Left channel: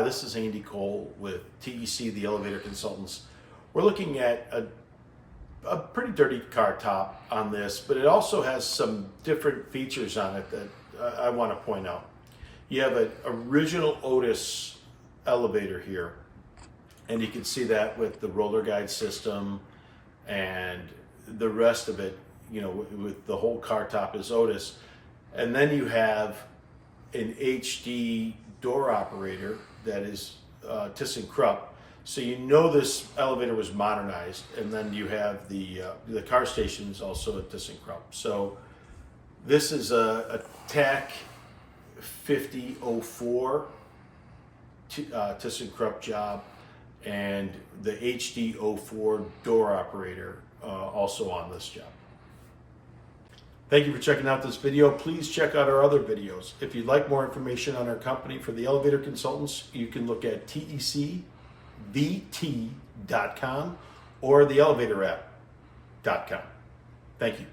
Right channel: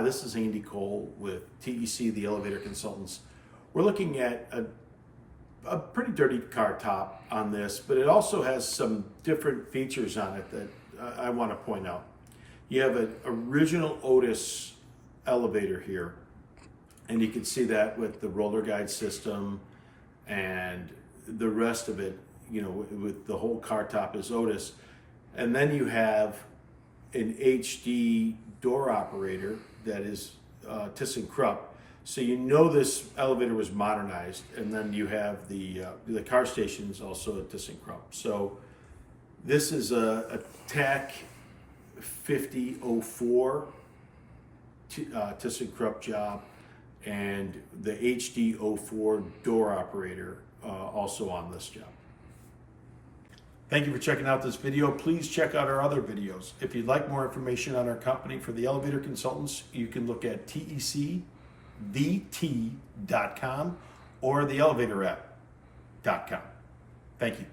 Hi, this is Andy Cole with TEC, the Elevator Consultants. We're looking at a pretty dirty car top on this, but it also has some different features on it that I want to point out. You have an original Otis elevator here, and you can see that with the roller guide system and the rest of it, you know, with the whole car top is Otis. And then you have an HD door operator that is ThyssenKrupp. So you know this elevator was modernized, and then you have the car station is also a ThyssenKrupp. So this is a TAC 5004 ThyssenKrupp job, and the HD04 door operator also on this job. Thank you for checking out this video. Please check out our other videos. If you'd like more information on our company for the Elevator Consultants, you can look at ThyssenKrupp.car or the elevatораpp.com. Thank you.